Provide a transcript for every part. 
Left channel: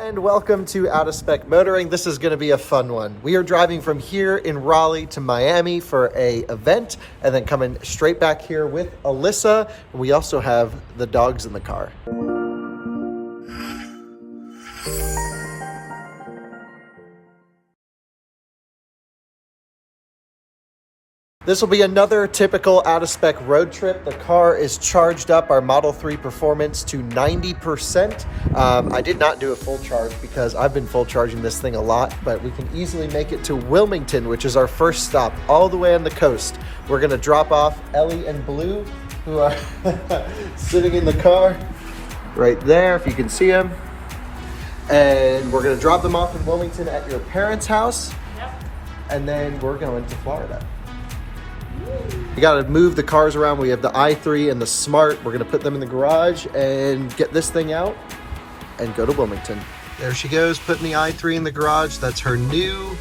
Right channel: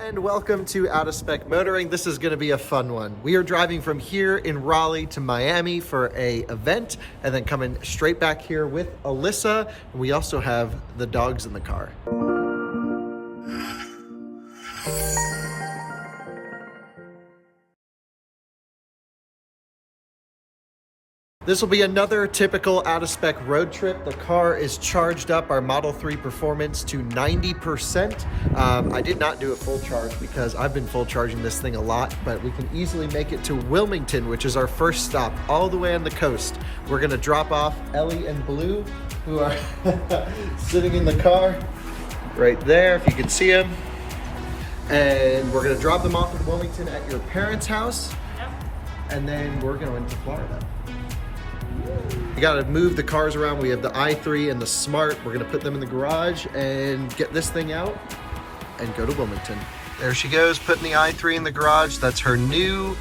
and welcome to Out of Spec Motoring. This is going to be a fun one. We are driving from here in Raleigh to Miami for a event and then coming straight back here with Alyssa. And we also have the dogs in the car. This will be another typical out-of-spec road trip. The car is charged up, our Model 3 Performance, to 90%. I did not do a full charge because I've been full charging this thing a lot, but we can easily make it to Wilmington, which is our first stop, all the way on the coast. We're gonna drop off Ellie and Blue, who are sitting in the car right there, if you can see them. And we're gonna drop them off in Wilmington at your parents' house. Yep. And then we're going to Florida. We got to move the cars around. We have the i3 and the Smart. We're going to put them in the garage and get this thing out and go to Wilmington. There she goes, putting the i3 in the garage. That's her new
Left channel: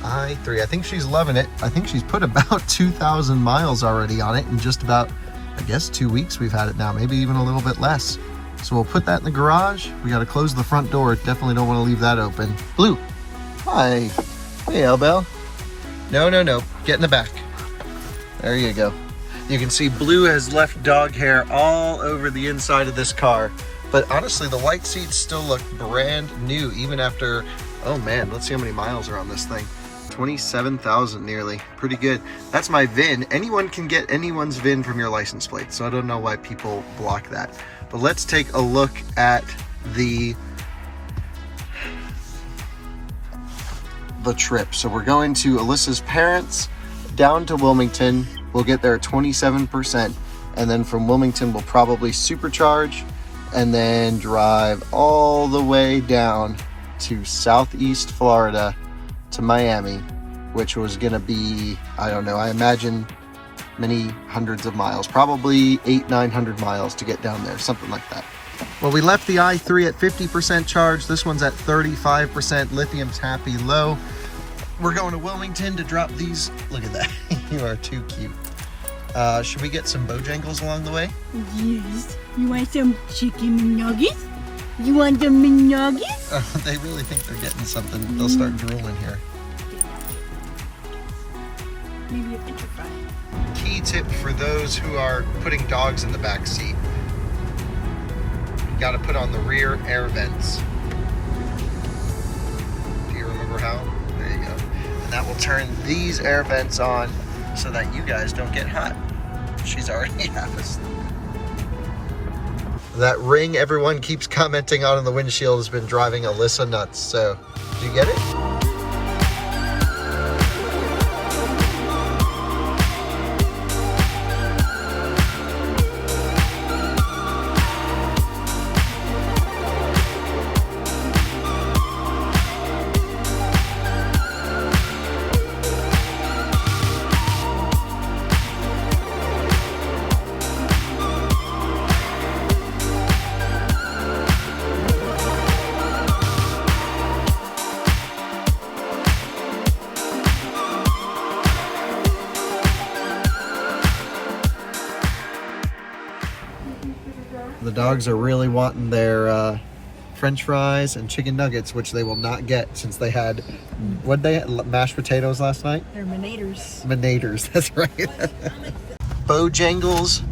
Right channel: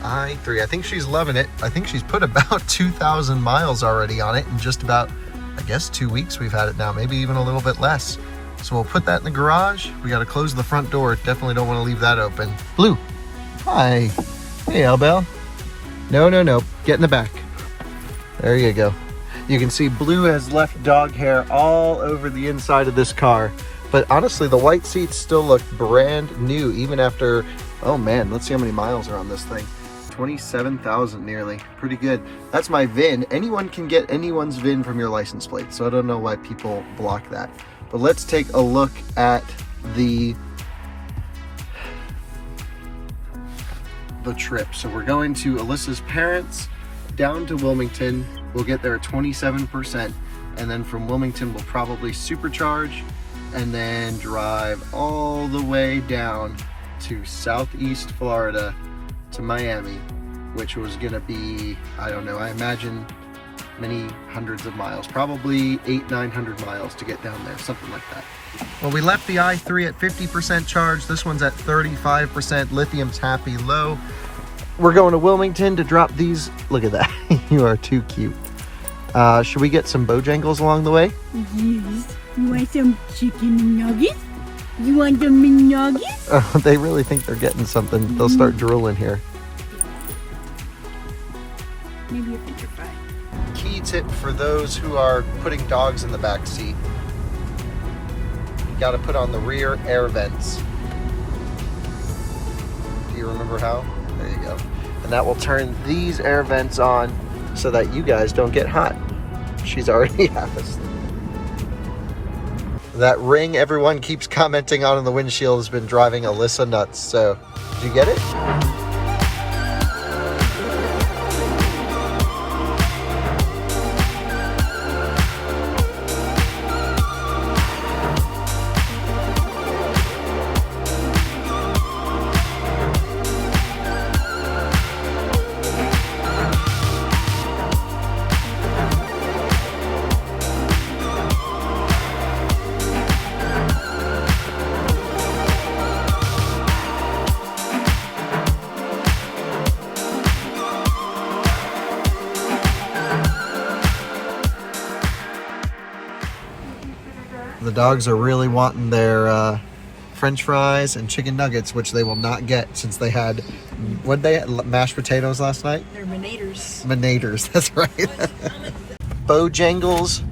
i3. I think she's loving it. I think she's put about 2,000 miles already on it in just about, I guess, 2 weeks we've had it now, maybe even a little bit less. So we'll put that in the garage. We got to close the front door. Definitely don't want to leave that open. Blue. Hi. Hey, Elbel. No. Get in the back. There you go. You can see Blue has left dog hair all over the inside of this car. But honestly, the white seats still look brand new, even after, oh man, let's see how many miles are on this thing. 27,000 nearly. Pretty good. That's my VIN. Anyone can get anyone's VIN from your license plate, so I don't know why people block that. But let's take a look at the trip. So we're going to Alyssa's parents, down to Wilmington. We'll get there at 27%, and then from Wilmington we'll probably supercharge and then drive all the way down to Southeast Florida to Miami, which was gonna be, I don't know, I imagine many hundreds of miles, probably 800-900 miles to get down there, something like that. Well, we left the i3 at 50% charge. This one's at 35%. Lithium's happy low. We're going to Wilmington to drop these. Look at that. You are too cute. Should we get some Bojangles along the way? Yes. You want some chicken McNuggets? You want some McNuggets? Oh, they really think they're getting something. They'll start drooling here. Maybe a French fry. Key tip for those who are putting dogs in the back seat. You got to put on the rear air vents. Do you remember how? There you go. And that will turn these air vents on so that you guys don't get hot. She's already half asleep. That ring everyone keeps commenting on in the windshield has been driving Alyssa nuts. So, did you get it? The dogs are really wanting their French fries and chicken nuggets, which they will not get since they had, what they had, mashed potatoes last night? They're Manators. Manators, that's right. Bojangles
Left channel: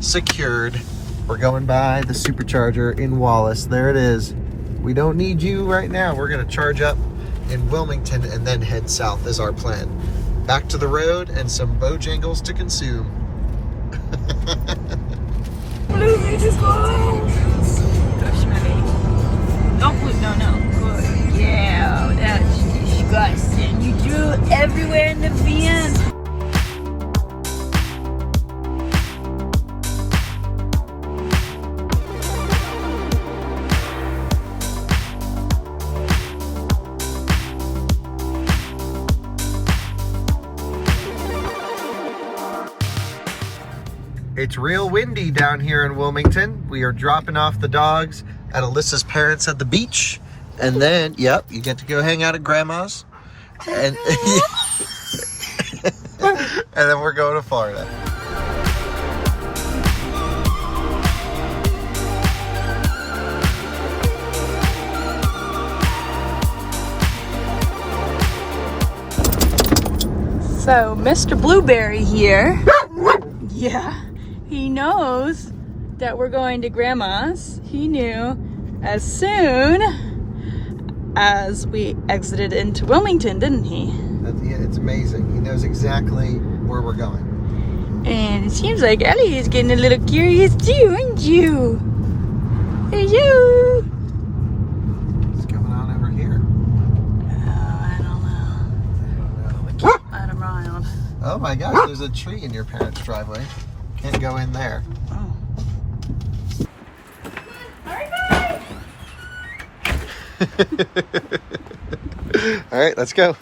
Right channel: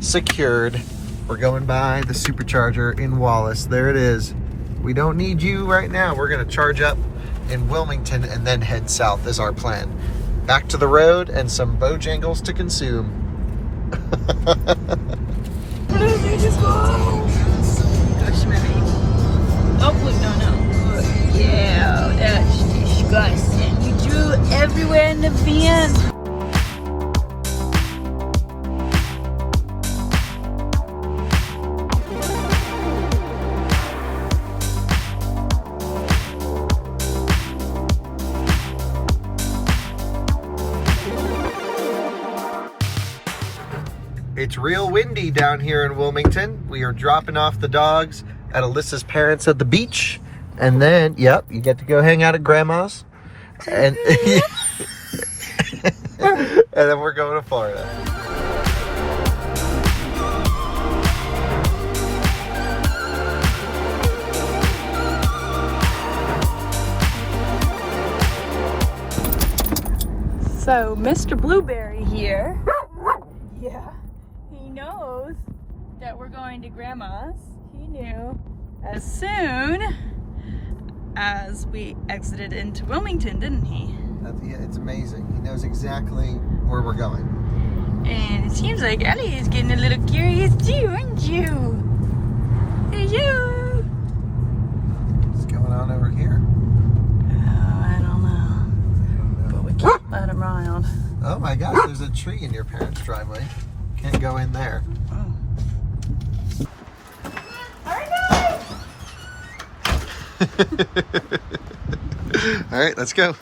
secured. We're going by the supercharger in Wallace. There it is. We don't need you right now. We're gonna charge up in Wilmington and then head south is our plan. Back to the road and some Bojangles to consume. Blue, they just go. Gosh, maybe. Oh, Blue, no. Yeah, that's disgusting. You drew everywhere in the van. It's real windy down here in Wilmington. We are dropping off the dogs at Alyssa's parents at the beach. And then, yep, you get to go hang out at Grandma's. And, and then we're going to Florida. So, Mr. Blueberry here, yeah, he knows that we're going to Grandma's. He knew as soon as we exited into Wilmington, didn't he? Yeah, it's amazing. He knows exactly where we're going. And it seems like Ellie is getting a little curious too, aren't you? Hello. What's going on over here? Oh, I don't know. But we can't let him around. Oh my gosh, there's a tree in your parents' driveway. Can't go in there. Oh. All right, let's go.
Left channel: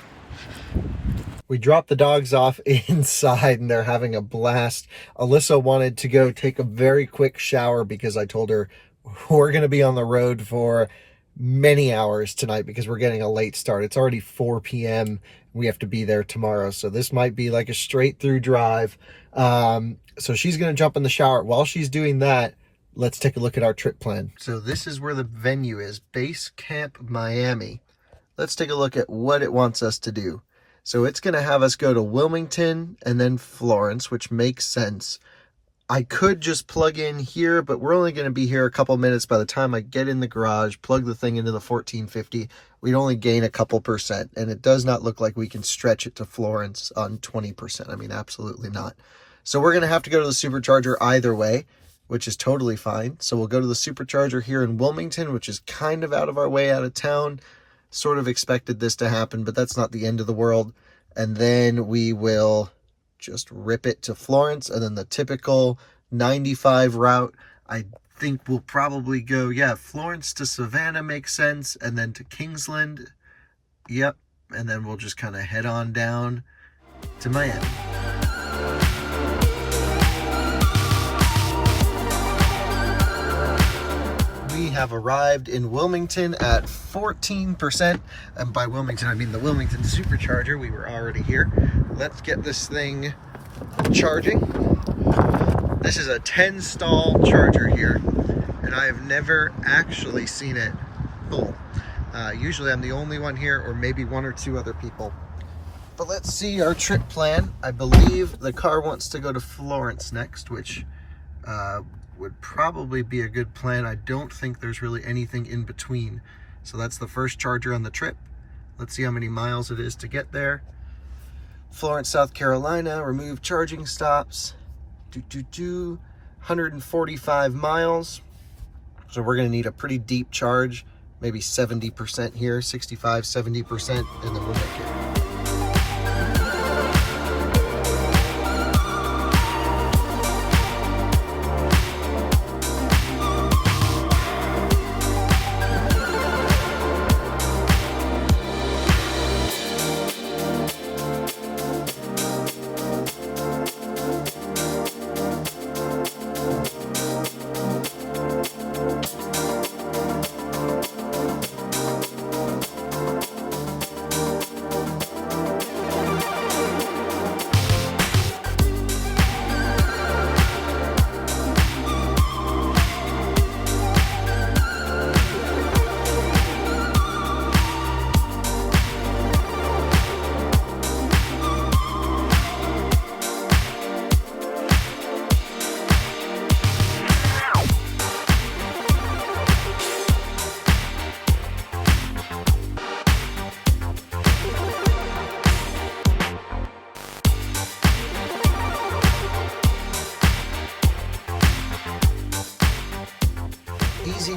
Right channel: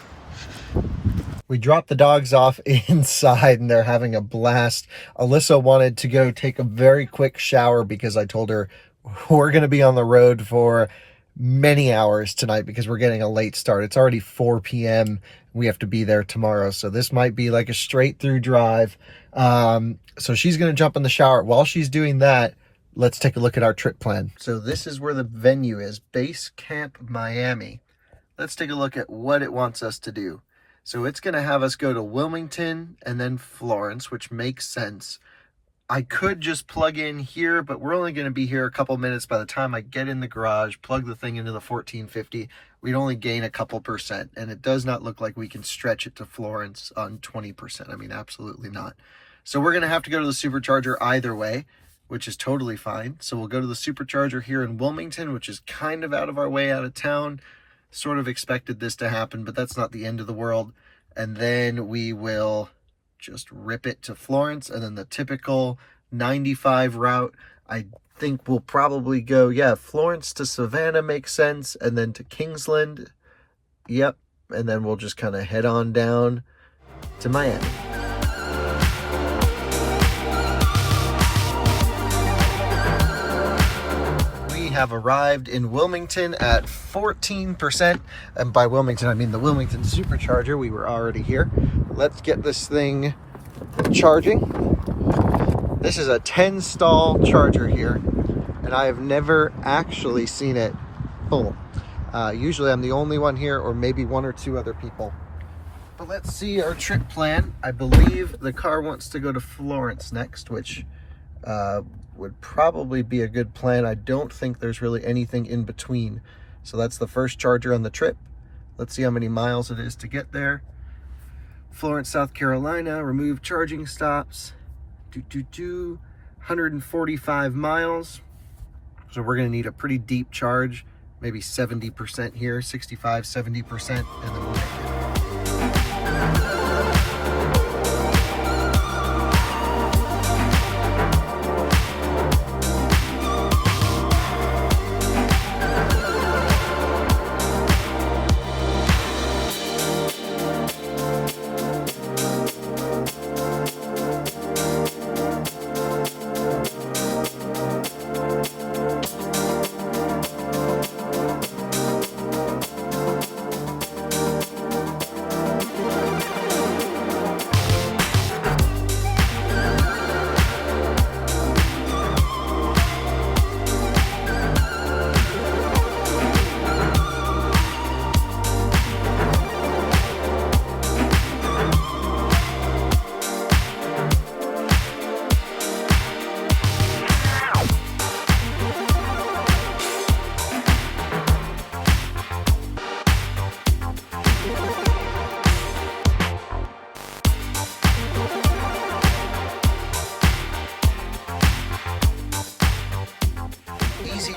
We dropped the dogs off inside and they're having a blast. Alyssa wanted to go take a very quick shower because I told her we're going to be on the road for many hours tonight because we're getting a late start. It's already 4 p.m. We have to be there tomorrow. So this might be like a straight through drive. So she's going to jump in the shower. While she's doing that, let's take a look at our trip plan. So this is where the venue is, Base Camp Miami. Let's take a look at what it wants us to do. So it's going to have us go to Wilmington and then Florence, which makes sense. I could just plug in here, but we're only going to be here a couple minutes. By the time I get in the garage, plug the thing into the 1450, we'd only gain a couple percent. And it does not look like we can stretch it to Florence on 20%. I mean, absolutely not. So we're going to have to go to the supercharger either way, which is totally fine. So we'll go to the supercharger here in Wilmington, which is kind of out of our way out of town. Sort of expected this to happen, but that's not the end of the world. And then we will just rip it to Florence, and then the typical 95 route. I think we'll probably go, yeah, Florence to Savannah makes sense, and then to Kingsland. Yep. And then we'll just kind of head on down to Miami. Have arrived in Wilmington at 14%, and by Wilmington I mean the Wilmington supercharger. We were already here. Let's get this thing charging. This is a 10 stall charger here, and I have never actually seen it full. Usually I'm the only one here, or maybe one or two other people. But let's see our trip plan. I believe the car wants to go to Florence next, which would probably be a good plan. I don't think there's really anything in between. So that's the first charger on the trip. Let's see how many miles it is to get there. Florence, South Carolina, remove charging stops. 145 miles. So we're gonna need a pretty deep charge, maybe 70% here, 65, 70%, and then we'll get there.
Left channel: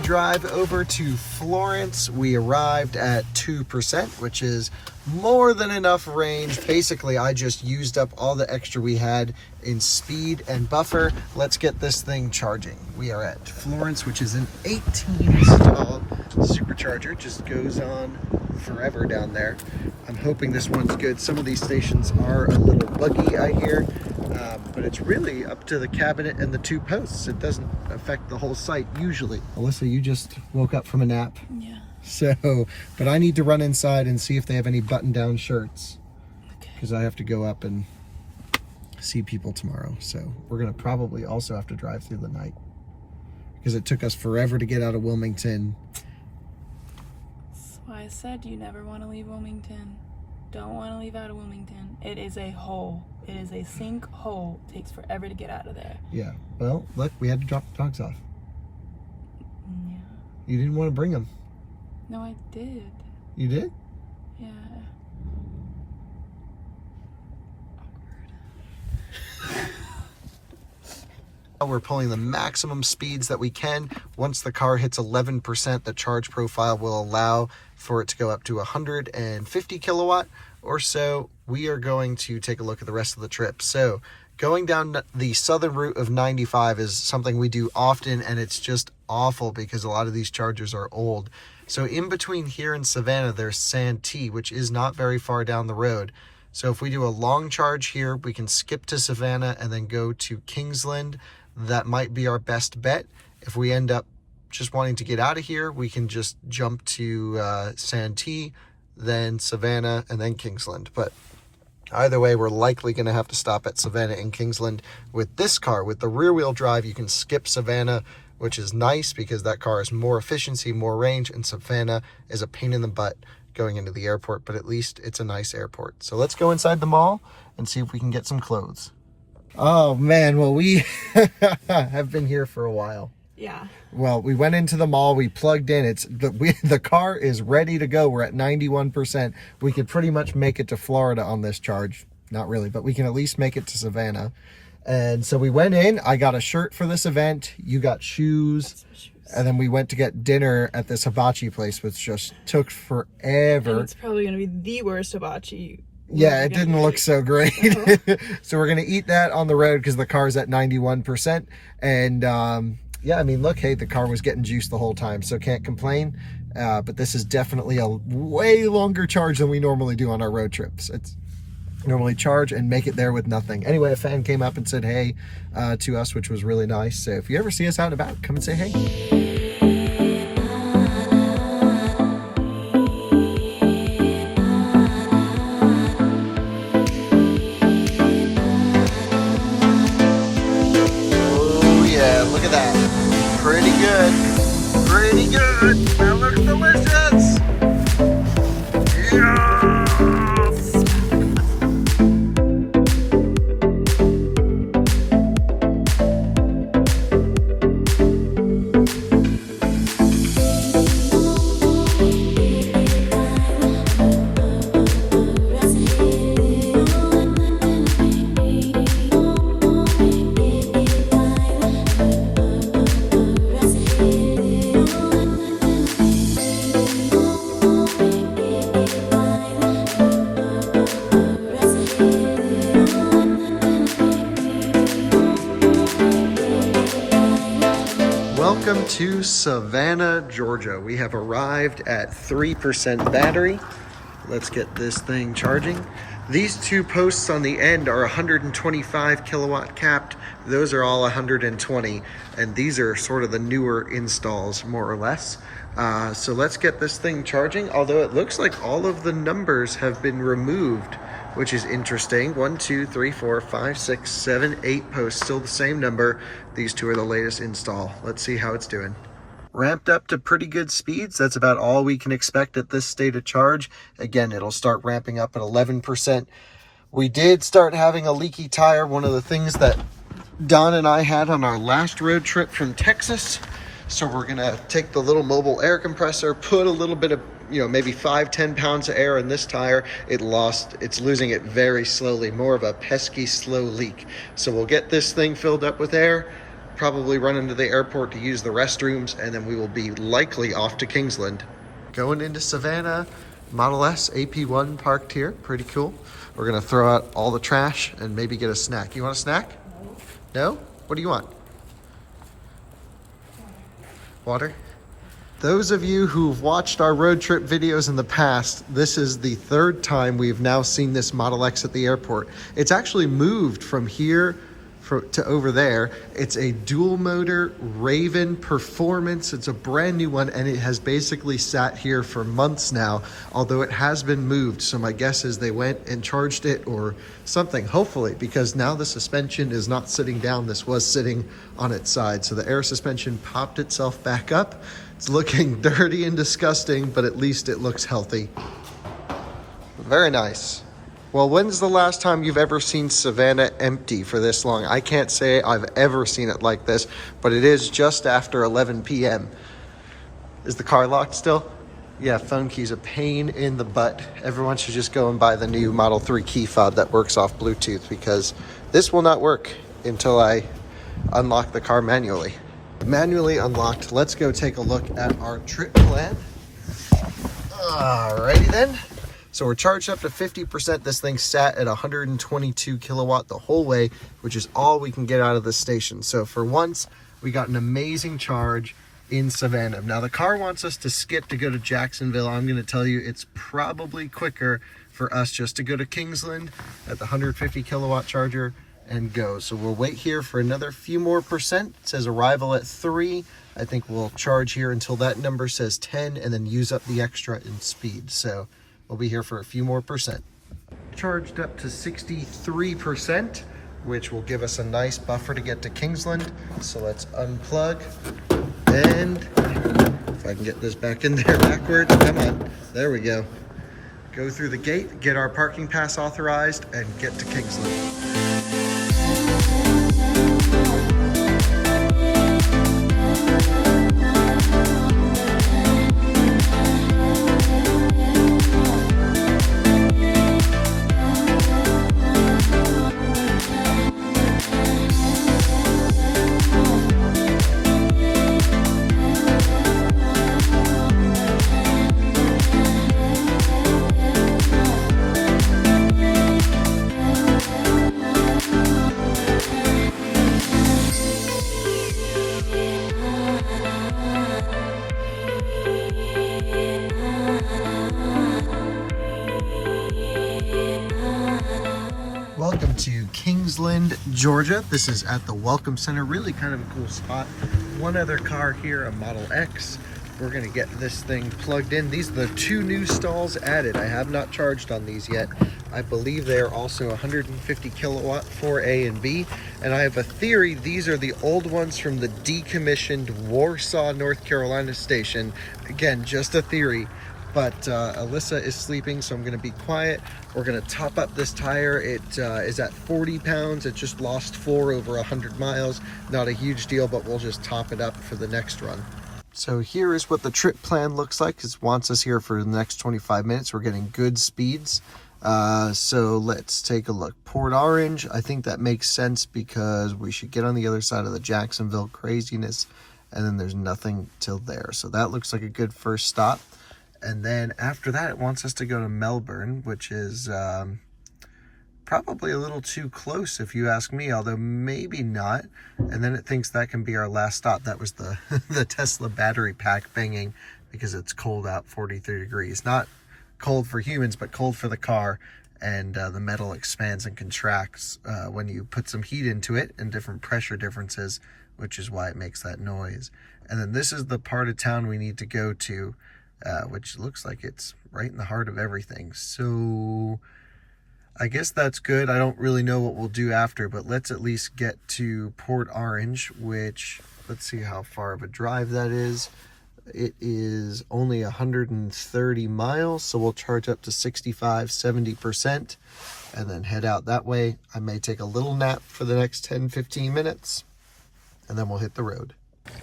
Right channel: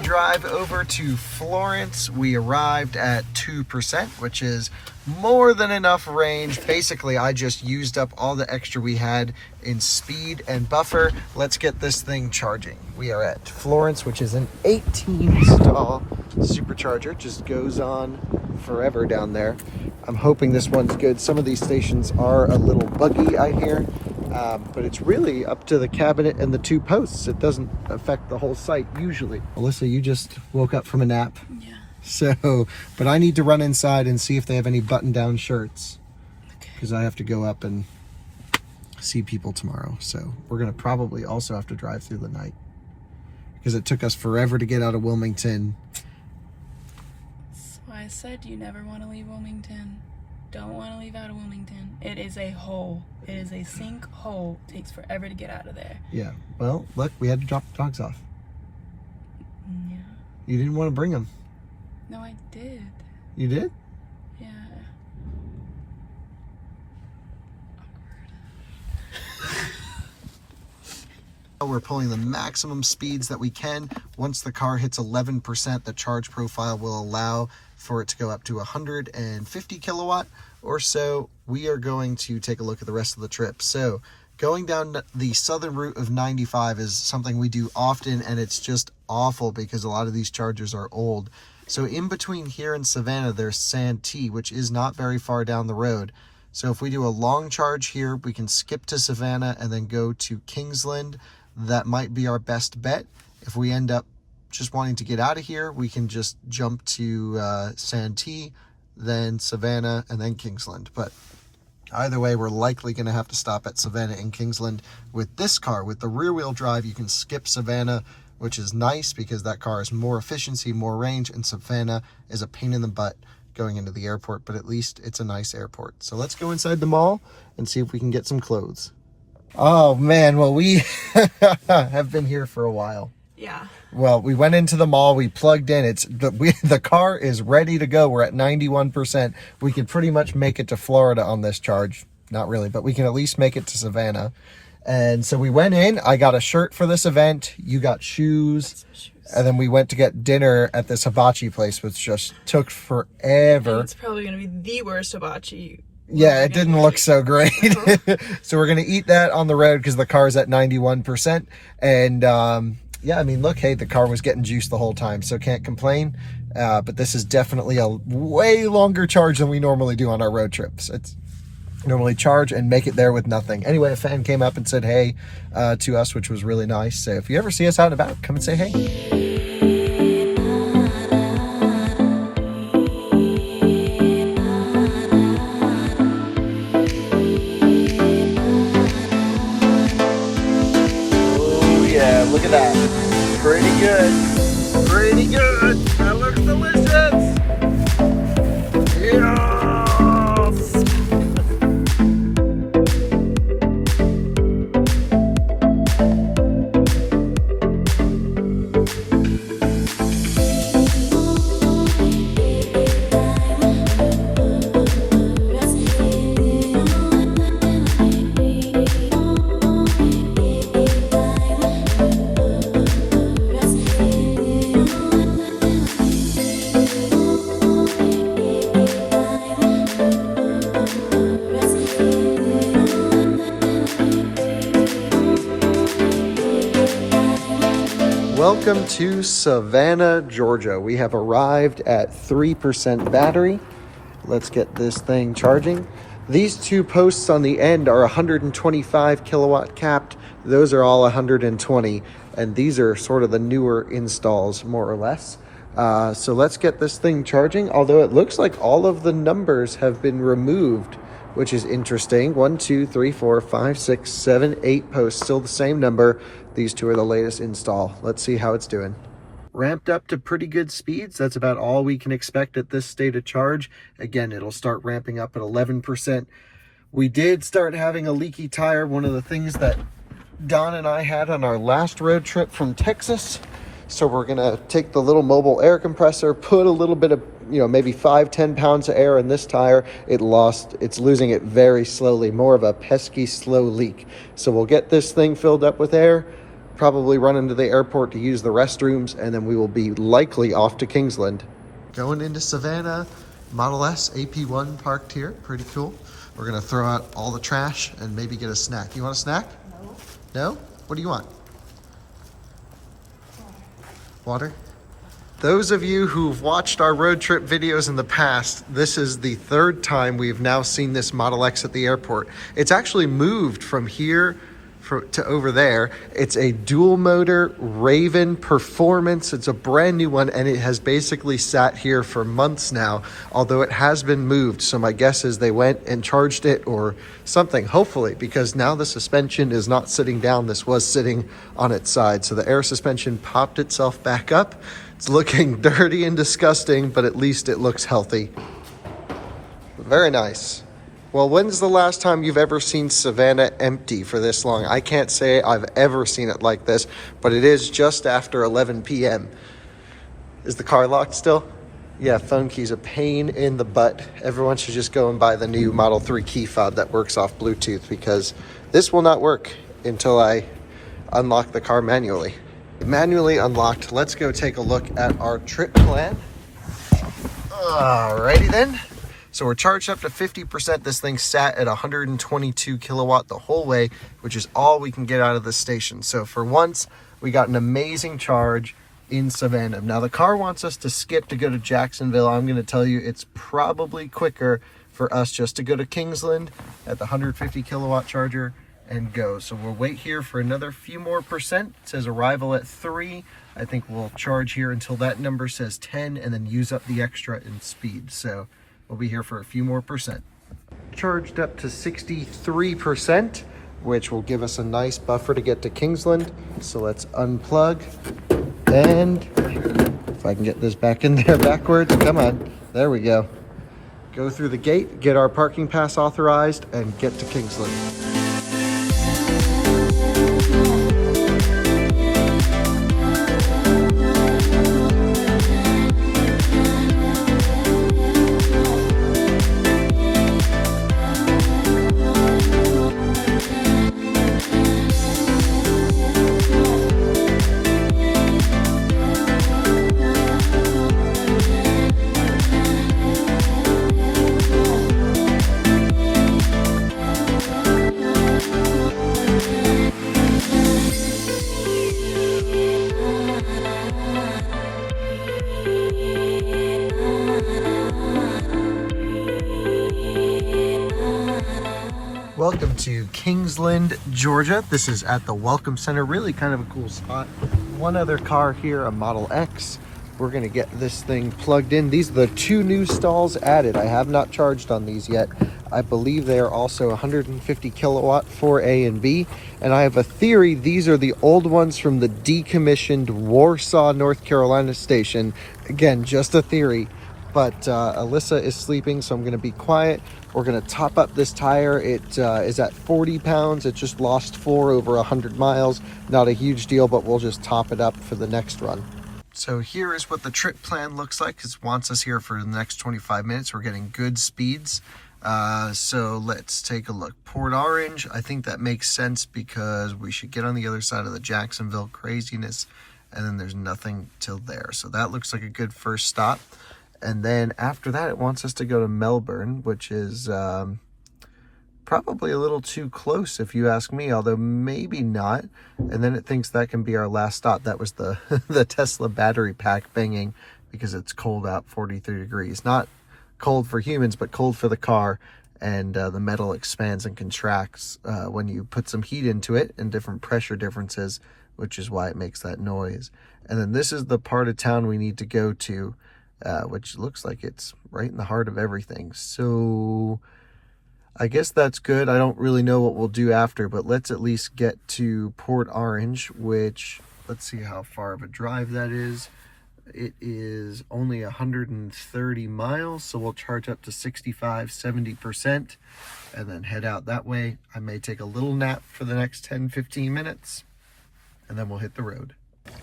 Drive over to Florence. We arrived at 2%, which is more than enough range. Basically, I just used up all the extra we had in speed and buffer. Let's get this thing charging. We are at Florence, which is an 18 stall supercharger. Just goes on forever down there. I'm hoping this one's good. Some of these stations are a little buggy, I hear. But it's really up to the cabinet and the two posts. It doesn't affect the whole site usually. Alyssa, you just woke up from a nap. Yeah. So, but I need to run inside and see if they have any button-down shirts. Okay. Because I have to go up and see people tomorrow. So we're going to probably also have to drive through the night. Because it took us forever to get out of Wilmington. That's why I said you never want to leave Wilmington. don't want to leave out of Wilmington. It is a hole. It is a sink hole. It takes forever to get out of there. Yeah. Well, look, we had to drop the dogs off. Yeah. You didn't want to bring them. No, I did. You did? Yeah. We're pulling the maximum speeds that we can. Once the car hits 11%, the charge profile will allow for it to go up to 150 kilowatt or so. We are going to take a look at the rest of the trip. So going down the southern route of 95 is something we do often, and it's just awful because a lot of these chargers are old. So in between here and Savannah, there's Santee, which is not very far down the road. So if we do a long charge here, we can skip to Savannah and then go to Kingsland. That might be our best bet. If we end up just wanting to get out of here, we can just jump to Santee, then Savannah, and then Kingsland. But either way, we're likely going to have to stop at Savannah and Kingsland. With this car, with the rear-wheel drive, you can skip Savannah, which is nice because that car has more efficiency, more range, and Savannah is a pain in the butt going into the airport, but at least it's a nice airport. So let's go inside the mall and see if we can get some clothes. Oh man, well, we have been here for a while. Yeah. Well, we went into the mall, we plugged in, the car is ready to go. We're at 91%. We could pretty much make it to Florida on this charge. Not really, but we can at least make it to Savannah. And so we went in, I got a shirt for this event, you got shoes, and then we went to get dinner at this hibachi place, which just took forever. It's probably going to be the worst hibachi. Yeah, it didn't look so great. So we're going to eat that on the road because the car's at 91%. And yeah, I mean, look, hey, the car was getting juiced the whole time, so can't complain. But this is definitely a way longer charge than we normally do on our road trips. It's normally charge and make it there with nothing. Anyway, a fan came up and said hey to us, which was really nice. So if you ever see us out and about, come and say hey. Yeah, look at that. Pretty good. Pretty good. That looks delicious. Yes! Welcome to Savannah, Georgia. We have arrived at 3% battery. Let's get this thing charging. These two posts on the end are 125 kilowatt capped. Those are all 120, and these are sort of the newer installs, more or less. So let's get this thing charging, although it looks like all of the numbers have been removed, which is interesting. 1, 2, 3, 4, 5, 6, 7, 8 posts, still the same number. These two are the latest install. Let's see how it's doing. Ramped up to pretty good speeds. That's about all we can expect at this state of charge. Again, it'll start ramping up at 11%. We did start having a leaky tire, one of the things that Don and I had on our last road trip from Texas. So we're gonna take the little mobile air compressor, put a little bit of, maybe 5-10 pounds of air in this tire. It's losing it very slowly, more of a pesky slow leak. So we'll get this thing filled up with air, probably run into the airport to use the restrooms, and then we will be likely off to Kingsland. Going into Savannah, Model S AP1 parked here, pretty cool. We're gonna throw out all the trash and maybe get a snack. You want a snack? No? What do you want? Water? Those of you who've watched our road trip videos in the past, this is the third time we've now seen this Model X at the airport. It's actually moved from here to over there. It's a dual motor Raven Performance. It's a brand new one, and it has basically sat here for months now, although it has been moved. So my guess is they went and charged it or something, hopefully, because now the suspension is not sitting down. This was sitting on its side. So the air suspension popped itself back up. It's looking dirty and disgusting, but at least it looks healthy. Very nice. Well, when's the last time you've ever seen Savannah empty for this long? I can't say I've ever seen it like this, but it is just after 11 p.m. Is the car locked still? Yeah, phone key's a pain in the butt. Everyone should just go and buy the new Model 3 key fob that works off Bluetooth, because this will not work until I unlock the car manually. Manually unlocked. Let's go take a look at our trip plan. Alrighty then. So we're charged up to 50%. This thing sat at 122 kilowatt the whole way, which is all we can get out of the station. So for once, we got an amazing charge in Savannah. Now the car wants us to skip to go to Jacksonville. I'm going to tell you it's probably quicker for us just to go to Kingsland at the 150 kilowatt charger and go. So we'll wait here for another few more percent. It says arrival at 3. I think we'll charge here until that number says 10 and then use up the extra in speed. So we'll be here for a few more percent. Charged up to 63%, which will give us a nice buffer to get to Kingsland. So let's unplug. And if I can get this back in there backwards, come on, there we go. Go through the gate, get our parking pass authorized, and get to Kingsland. Welcome to Kingsland, Georgia. This is at the Welcome Center. Really kind of a cool spot. One other car here, a Model X. We're going to get this thing plugged in. These are the 2 new stalls added. I have not charged on these yet. I believe they are also 150 kilowatt for A and B. And I have a theory these are the old ones from the decommissioned Warsaw, North Carolina station. Again, just a theory. But Alyssa is sleeping, so I'm going to be quiet. We're going to top up this tire. It is at 40 pounds. It just lost 4 over 100 miles. Not a huge deal, but we'll just top it up for the next run. So here is what the trip plan looks like. It wants us here for the next 25 minutes. We're getting good speeds. So let's take a look. Port Orange, I think that makes sense because we should get on the other side of the Jacksonville craziness, and then there's nothing till there. So that looks like a good first stop. And then after that, it wants us to go to Melbourne, which is probably a little too close if you ask me, although maybe not. And then it thinks that can be our last stop. That was the, the Tesla battery pack banging because it's cold out, 43 degrees. Not cold for humans, but cold for the car. And the metal expands and contracts when you put some heat into it and different pressure differences, which is why it makes that noise. And then this is the part of town we need to go to. Which looks like it's right in the heart of everything. So I guess that's good. I don't really know what we'll do after, but let's at least get to Port Orange, which, let's see how far of a drive that is. It is only 130 miles, so we'll charge up to 65-70% and then head out that way. I may take a little nap for the next 10-15 minutes, and then we'll hit the road.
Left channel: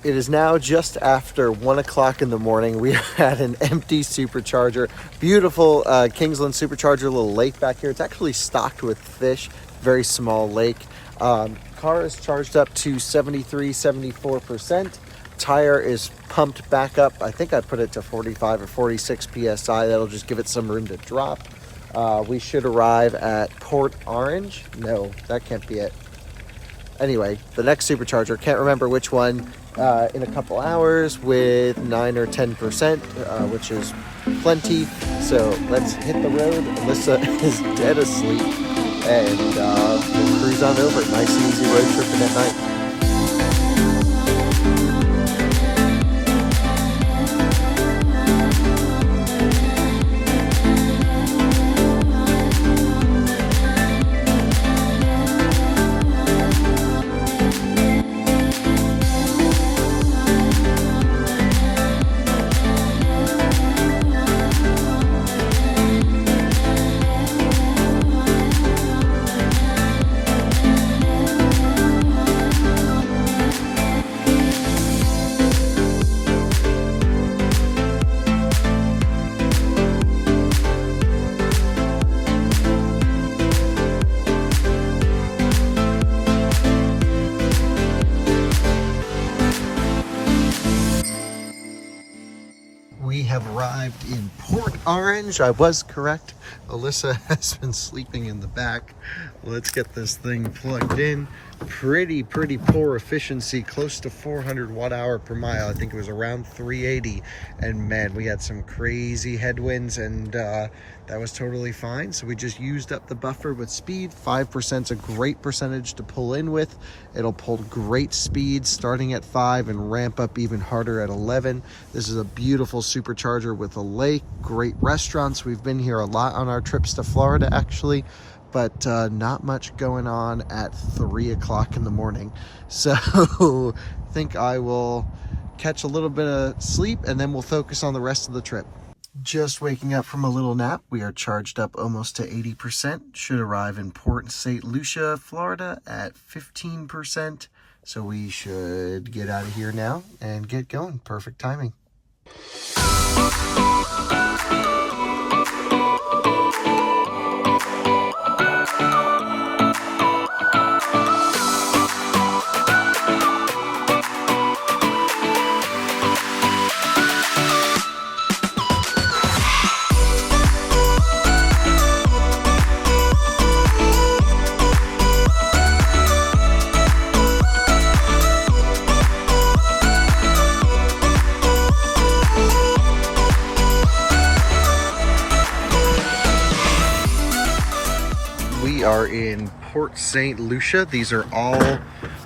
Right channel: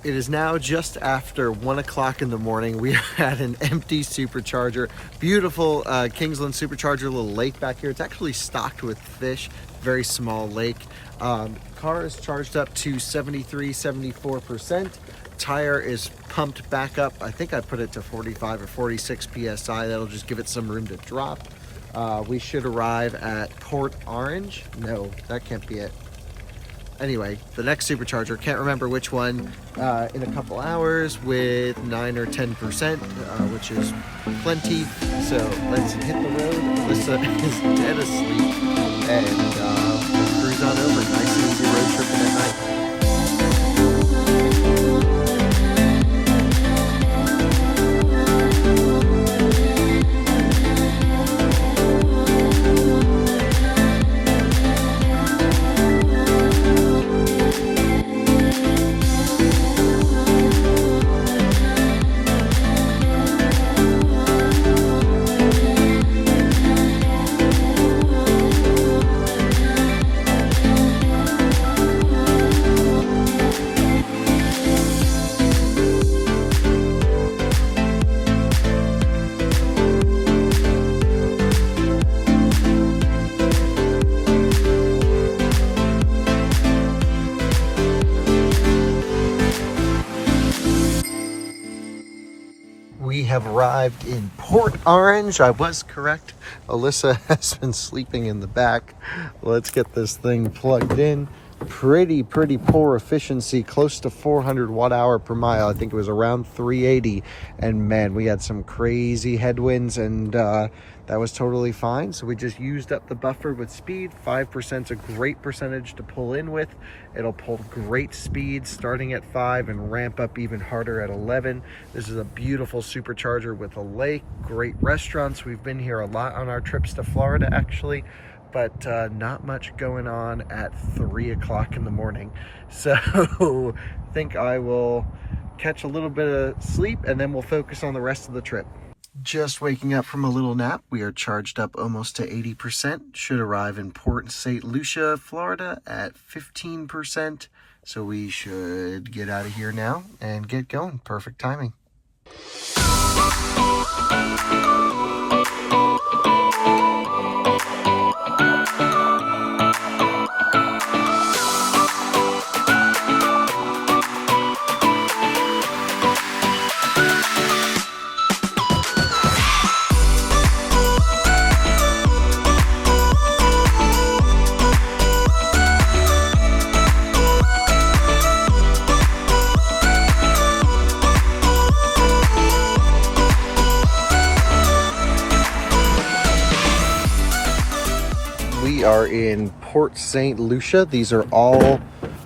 It is now just after 1 o'clock in the morning. We are at an empty supercharger. Beautiful Kingsland supercharger, little lake back here. It's actually stocked with fish, very small lake. Car is charged up to 73-74%. Tire is pumped back up. I think I put it to 45 or 46 PSI. That'll just give it some room to drop. We should arrive at Port Orange. No, that can't be it. Anyway, the next supercharger, can't remember which one, in a couple hours with 9 or 10%, which is plenty. So let's hit the road. Alyssa is dead asleep, and we'll cruise on over. Nice and easy road tripping at night. arrived in Port Orange. I was correct. Alyssa has been sleeping in the back. Let's get this thing plugged in. Pretty poor efficiency, close to 400 watt hour per mile. I think it was around 380. And man, we had some crazy headwinds, and that was totally fine. So we just used up the buffer with speed. 5% is a great percentage to pull in with. It'll pull great speeds starting at 5 and ramp up even harder at 11. This is a beautiful supercharger with a lake, great restaurants. We've been here a lot on our trips to Florida, actually, but not much going on at 3 o'clock in the morning. So I think I will catch a little bit of sleep and then we'll focus on the rest of the trip. Just waking up from a little nap. We are charged up almost to 80%. Should arrive in Port St Lucia, Florida at 15%. So we should get out of here now and get going. Perfect timing. We are in Port St Lucia. These are all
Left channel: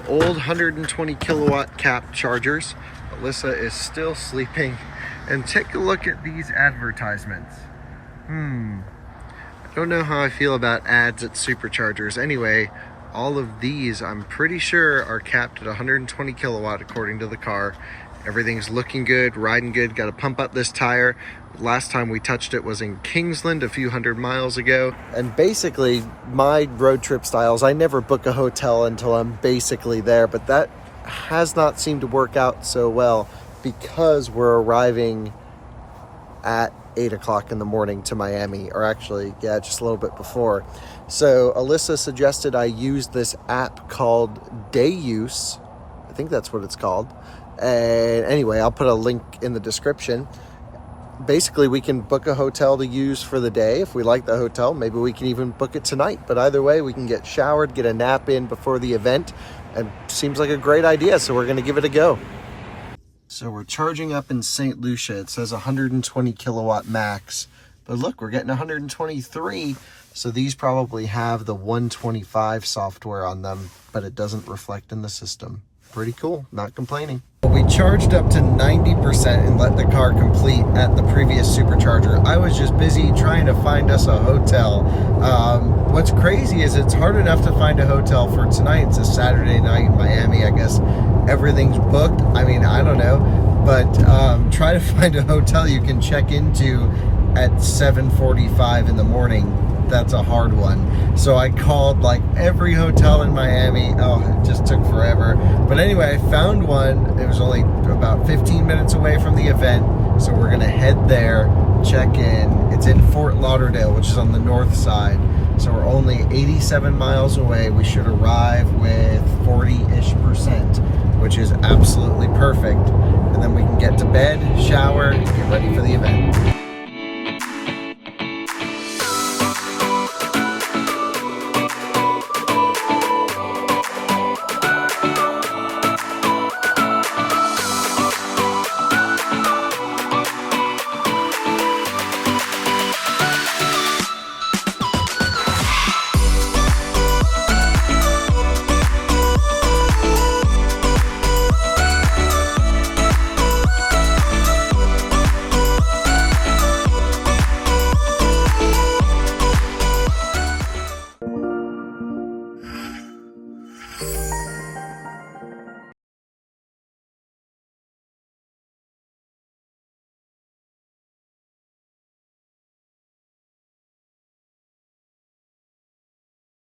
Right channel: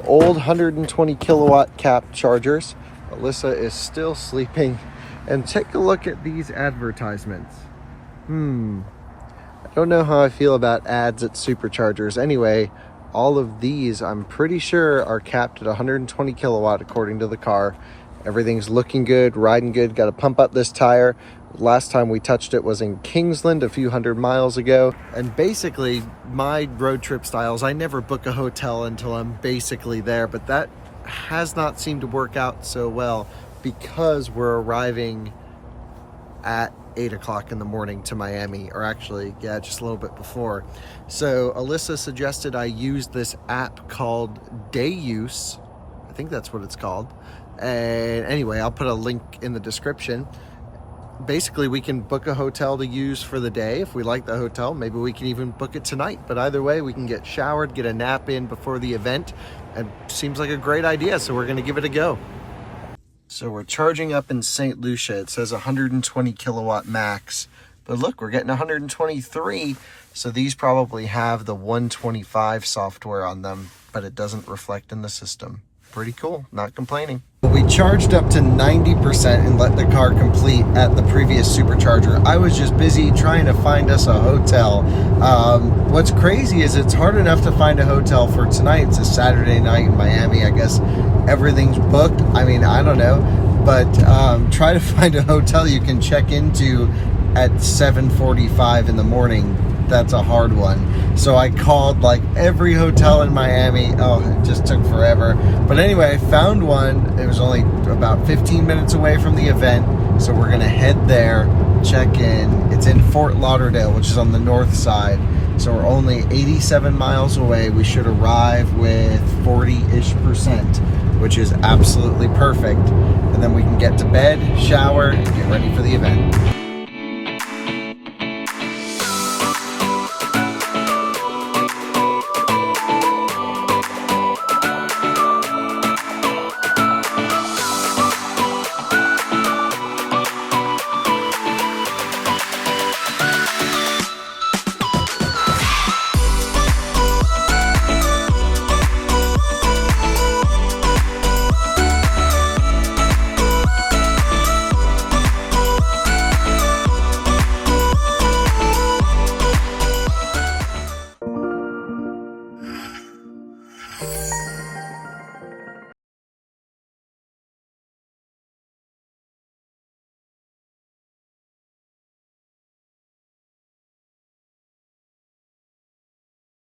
old 120 kilowatt cap chargers. Alyssa is still sleeping. And take a look at these advertisements. I don't know how I feel about ads at superchargers. Anyway, all of these, I'm pretty sure, are capped at 120 kilowatt according to the car. Everything's looking good, riding good. Got to pump up this tire. Last time we touched it was in Kingsland a few hundred miles ago. And basically, my road trip styles, I never book a hotel until I'm basically there, but that has not seemed to work out so well because we're arriving at 8 o'clock in the morning to Miami, or actually, yeah, just a little bit before. So Alyssa suggested I use this app called Day Use. I think that's what it's called. And anyway, I'll put a link in the description. Basically, we can book a hotel to use for the day. If we like the hotel, maybe we can even book it tonight. But either way, we can get showered, get a nap in before the event. And seems like a great idea, so we're going to give it a go. So we're charging up in St Lucia. It says 120 kilowatt max. But look, we're getting 123. So these probably have the 125 software on them, but it doesn't reflect in the system. Pretty cool, not complaining. We charged up to 90% and let the car complete at the previous supercharger. I was just busy trying to find us a hotel. What's crazy is it's hard enough to find a hotel for tonight. It's a Saturday night in Miami. I guess everything's booked. I mean, I don't know, but try to find a hotel you can check into at 7:45 in the morning. That's a hard one. So I called like every hotel in Miami. Oh, it just took forever. But anyway, I found one. It was only about 15 minutes away from the event. So we're gonna head there, check in. It's in Fort Lauderdale, which is on the north side. So we're only 87 miles away. We should arrive with 40-ish%, which is absolutely perfect. And then we can get to bed, shower, and get ready for the event.